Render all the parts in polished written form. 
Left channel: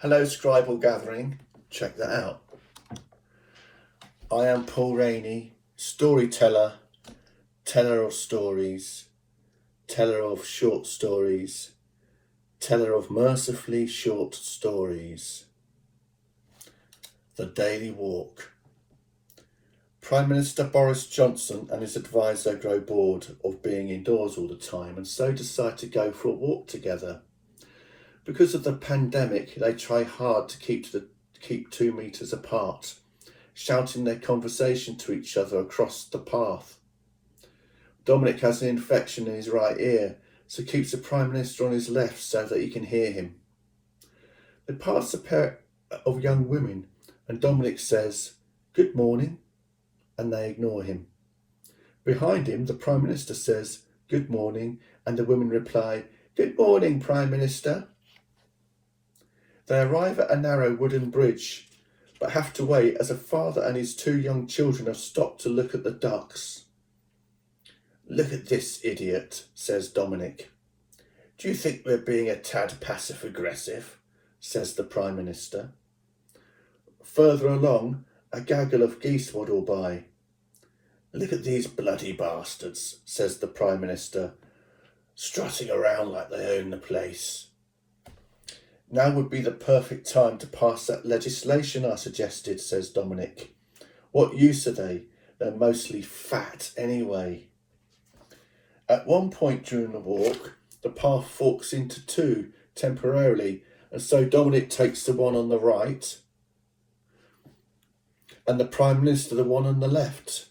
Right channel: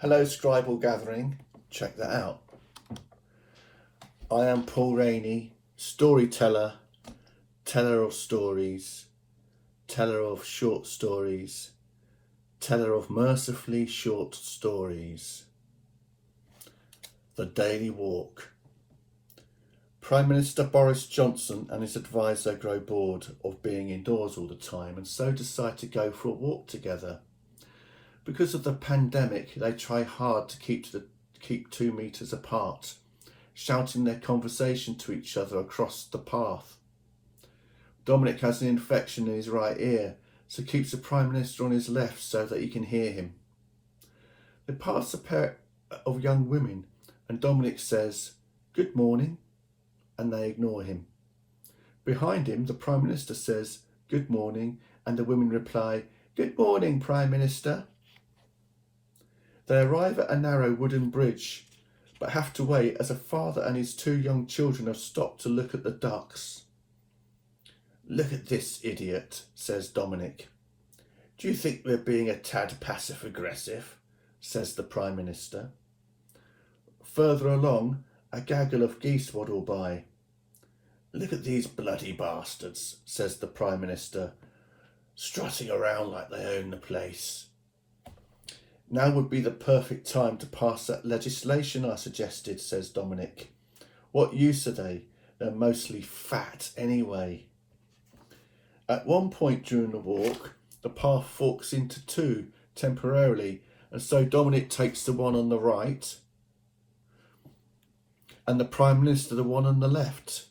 Hello Scribal gathering, check that out. I am Paul Rainey, storyteller, teller of stories, teller of short stories, teller of mercifully short stories. The Daily Walk. Prime Minister Boris Johnson and his advisor grow bored of being indoors all the time and so decide to go for a walk together. Because of the pandemic, they try hard to keep 2 metres apart, shouting their conversation to each other across the path. Dominic has an infection in his right ear, so keeps the Prime Minister on his left so that he can hear him. They pass a pair of young women and Dominic says, "Good morning," and they ignore him. Behind him, the Prime Minister says, "Good morning," and the women reply, "Good morning, Prime Minister." They arrive at a narrow wooden bridge, but have to wait as a father and his 2 young children have stopped to look at the ducks. "Look at this idiot," says Dominic. "Do you think we're being a tad passive-aggressive?" says the Prime Minister. Further along, a gaggle of geese waddle by. "Look at these bloody bastards," says the Prime Minister, "strutting around like they own the place." "Now would be the perfect time to pass that legislation I suggested," says Dominic. "What use are they? They're mostly fat anyway." At one point during the walk, the path forks into 2 temporarily, and so Dominic takes the one on the right and the Prime Minister the one on the left.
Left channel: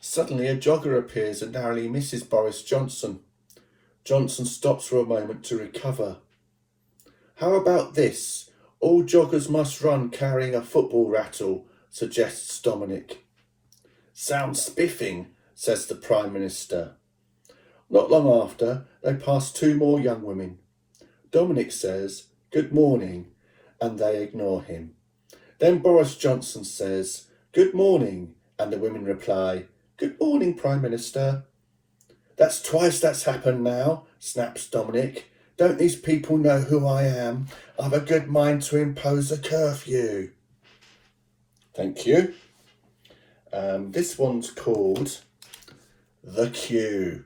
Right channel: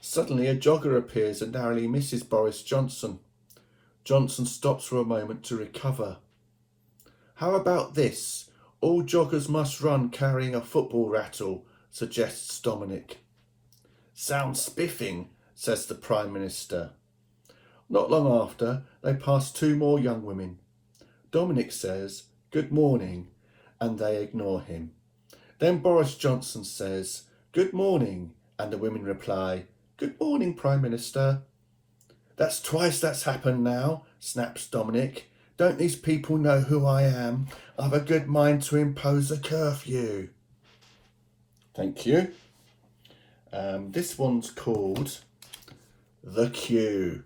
Suddenly a jogger appears and narrowly misses Boris Johnson. Johnson stops for a moment to recover. "How about this? All joggers must run carrying a football rattle," suggests Dominic. "Sounds spiffing," says the Prime Minister. Not long after, they pass 2 more young women. Dominic says, "Good morning," and they ignore him. Then Boris Johnson says, "Good morning," and the women reply, "Good morning, Prime Minister." "That's twice that's happened now," snaps Dominic. "Don't these people know who I am? I've a good mind to impose a curfew." Thank you. This one's called The Queue.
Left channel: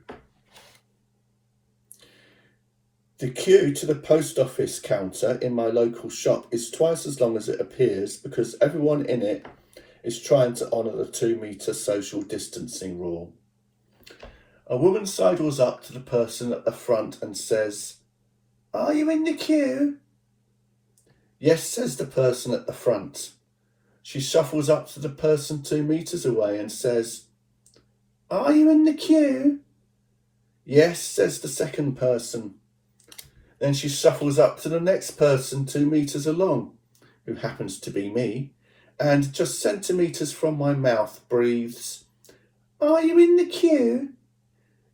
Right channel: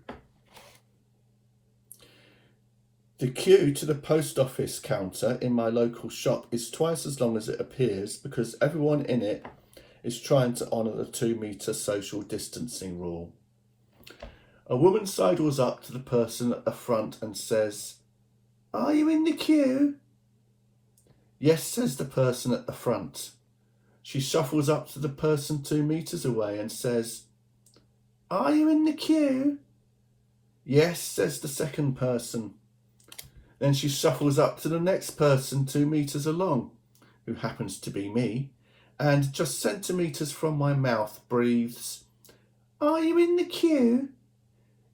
The queue to the post office counter in my local shop is twice as long as it appears because everyone in it is trying to honour the 2-metre social distancing rule. A woman sidles up to the person at the front and says, "Are you in the queue?" "Yes," says the person at the front. She shuffles up to the person 2 metres away and says, "Are you in the queue?" "Yes," says the second person. Then she shuffles up to the next person 2 metres along, who happens to be me, and just centimetres from my mouth breathes, "Are you in the queue?"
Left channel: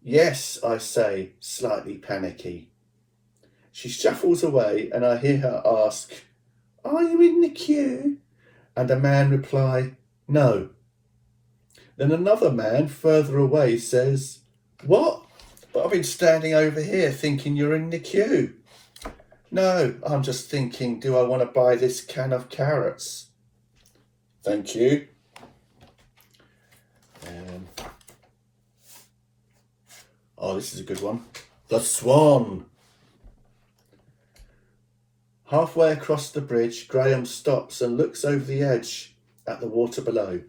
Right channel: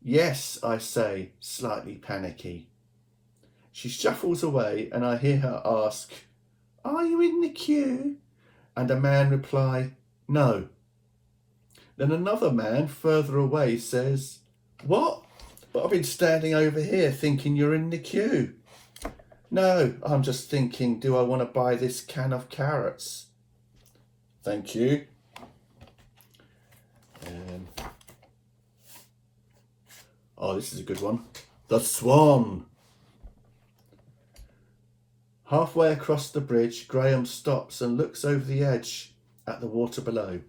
"Yes," I say, slightly panicky. She shuffles away and I hear her ask, "Are you in the queue?" And a man reply, "No." Then another man further away says, "What? But I've been standing over here thinking you're in the queue." "No, I'm just thinking, do I want to buy this can of carrots?" Thank you. This is a good one. The Swan. Halfway across the bridge, Graham stops and looks over the edge at the water below.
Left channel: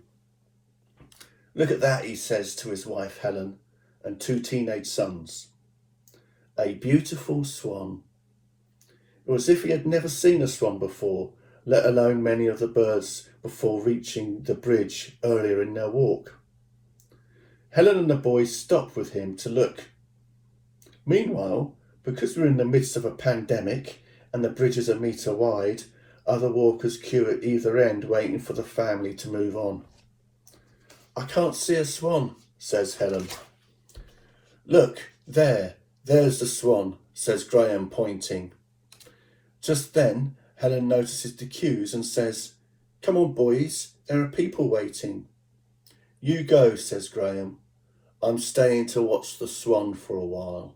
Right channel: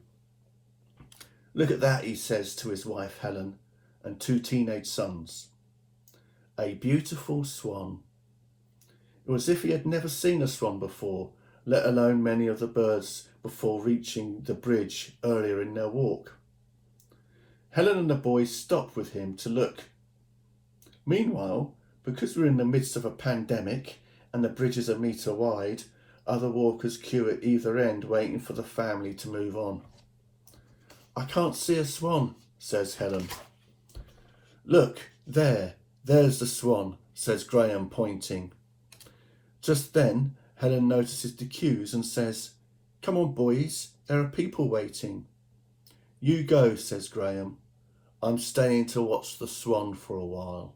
"Look at that," he says to his wife Helen and 2 teenage sons. A beautiful swan. It was as if he had never seen a swan before, let alone many of the birds before reaching the bridge earlier in their walk. Helen and the boys stop with him to look. Meanwhile, because we're in the midst of a pandemic and the bridge is 1 metre wide, other walkers queue at either end waiting for the family to move on. "I can't see a swan," says Helen. "Look, there's the swan," says Graham, pointing. Just then, Helen notices the queues and says, "Come on, boys, there are people waiting." "You go," says Graham. "I'm staying to watch the swan for a while."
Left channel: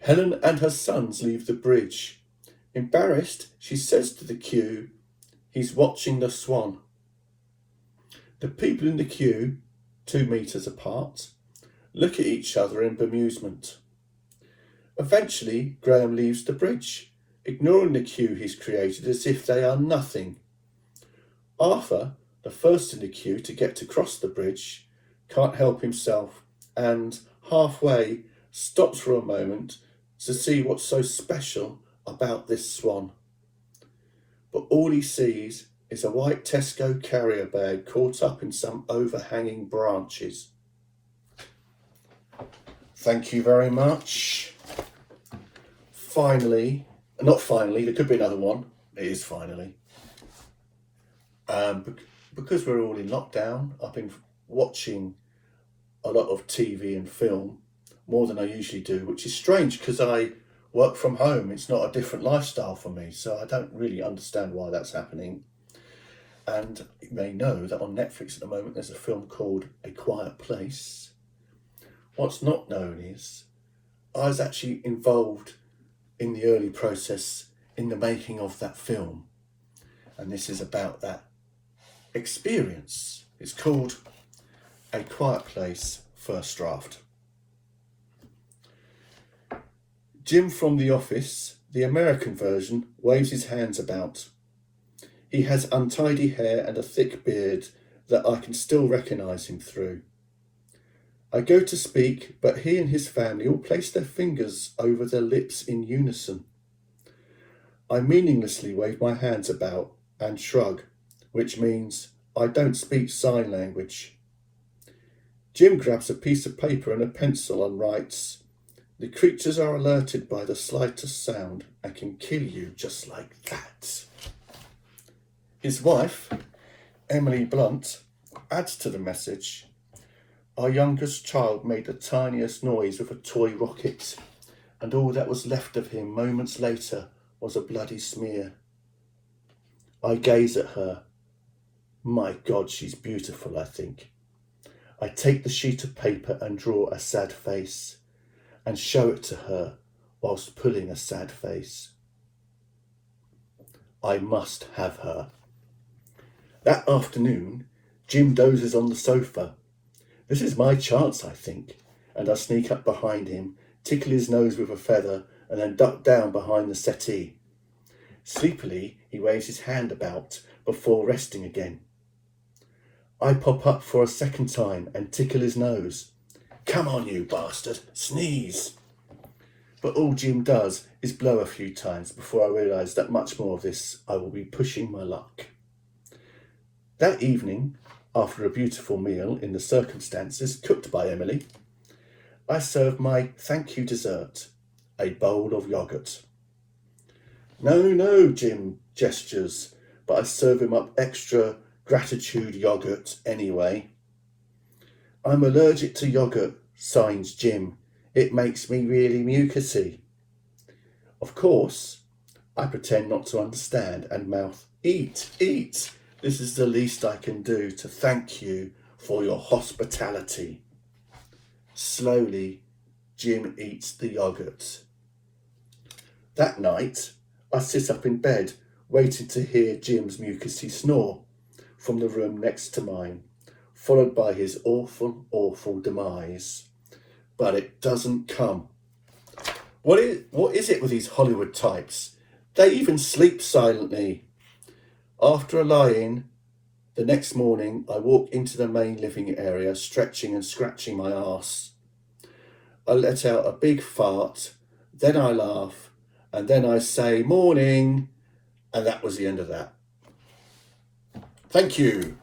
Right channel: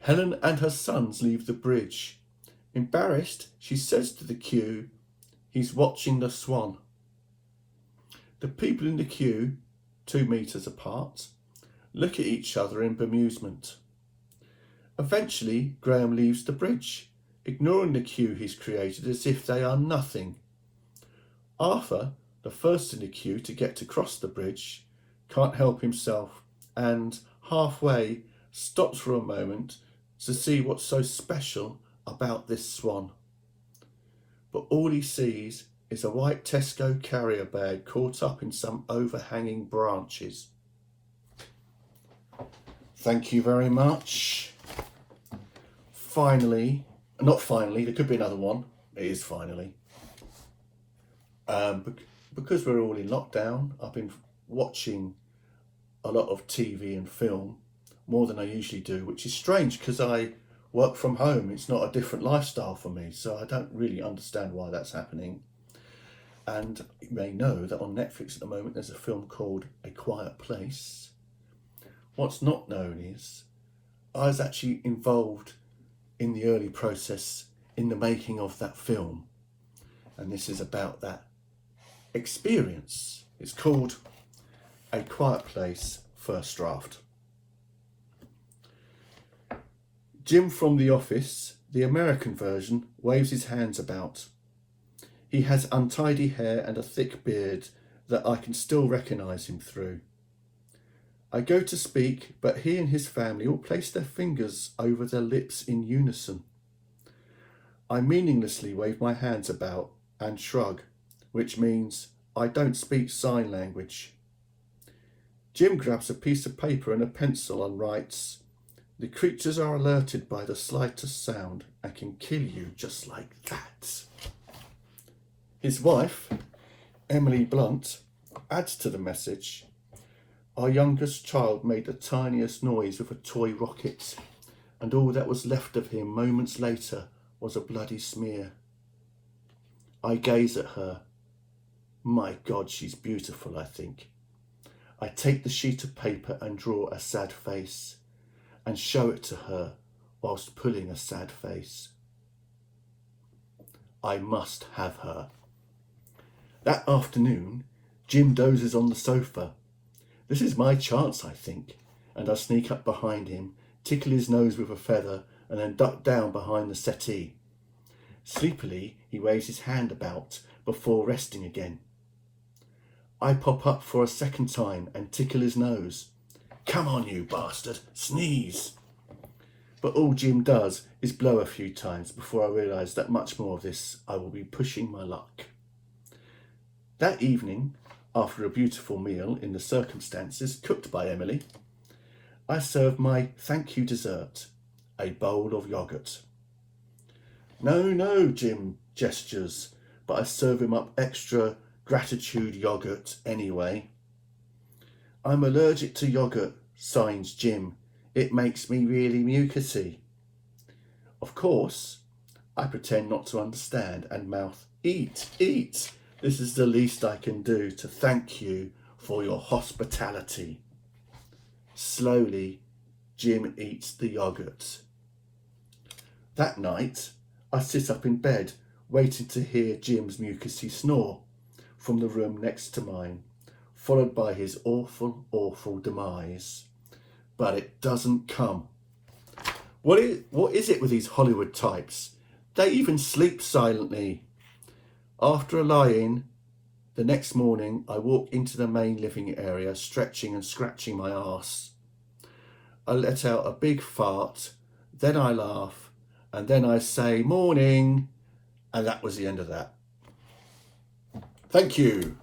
Helen and her sons leave the bridge. Embarrassed, she says to the queue, "He's watching the swan." The people in the queue, 2 metres apart, look at each other in bemusement. Eventually, Graham leaves the bridge, ignoring the queue he's created as if they are nothing. Arthur, the first in the queue to get to cross the bridge, can't help himself and, halfway, stops for a moment to see what's so special about this swan. But all he sees is a white Tesco carrier bag caught up in some overhanging branches. Thank you very much. Finally, not finally, there could be another one. It is finally. Because we're all in lockdown, I've been watching a lot of TV and film, more than I usually do, which is strange because I work from home. It's not a different lifestyle for me, so I don't really understand why that's happening. And you may know that on Netflix at the moment there's a film called A Quiet Place. What's not known is I was actually involved in the early process in the making of that film, and this is about that experience. It's called A Quiet Place First Draft. Jim from The Office, the American version, waves his hands about. He has untidy hair and a thick beard that I can still recognise him through. I go to speak, but he and his family all place their fingers over their lips in unison. I meaninglessly wave my hands about and shrug, which means I don't speak sign language. Jim grabs a piece of paper and a pencil and writes, "The creatures are alerted by the slightest sound and can kill you just like that." His wife, Emily Blunt, adds to the message, "Our youngest child made the tiniest noise with a toy rocket, and all that was left of him moments later was a bloody smear." I gaze at her. My God, she's beautiful, I think. I take the sheet of paper and draw a sad face, and show it to her whilst pulling a sad face. I must have her. That afternoon, Jim dozes on the sofa. This is my chance, I think, and I sneak up behind him, tickle his nose with a feather, and then duck down behind the settee. Sleepily, he waves his hand about before resting again. I pop up for a second time and tickle his nose. "Come on, you bastard, sneeze." But all Jim does is blow a few times before I realise that much more of this I will be pushing my luck. That evening, after a beautiful meal in the circumstances cooked by Emily, I serve my thank you dessert, a bowl of yoghurt. No, Jim gestures, but I serve him up extra gratitude yoghurt anyway. "I'm allergic to yoghurt," signs Jim. "It makes me really mucousy." Of course, I pretend not to understand and mouth, "Eat, eat. This is the least I can do to thank you for your hospitality." Slowly, Jim eats the yoghurt. That night, I sit up in bed, waiting to hear Jim's mucousy snore from the room next to mine, followed by his awful, awful demise. But it doesn't come. What is it with these Hollywood types? They even sleep silently. After a lie-in, the next morning I walk into the main living area, stretching and scratching my arse. I let out a big fart, then I laugh, and then I say "morning," and that was the end of that. Thank you.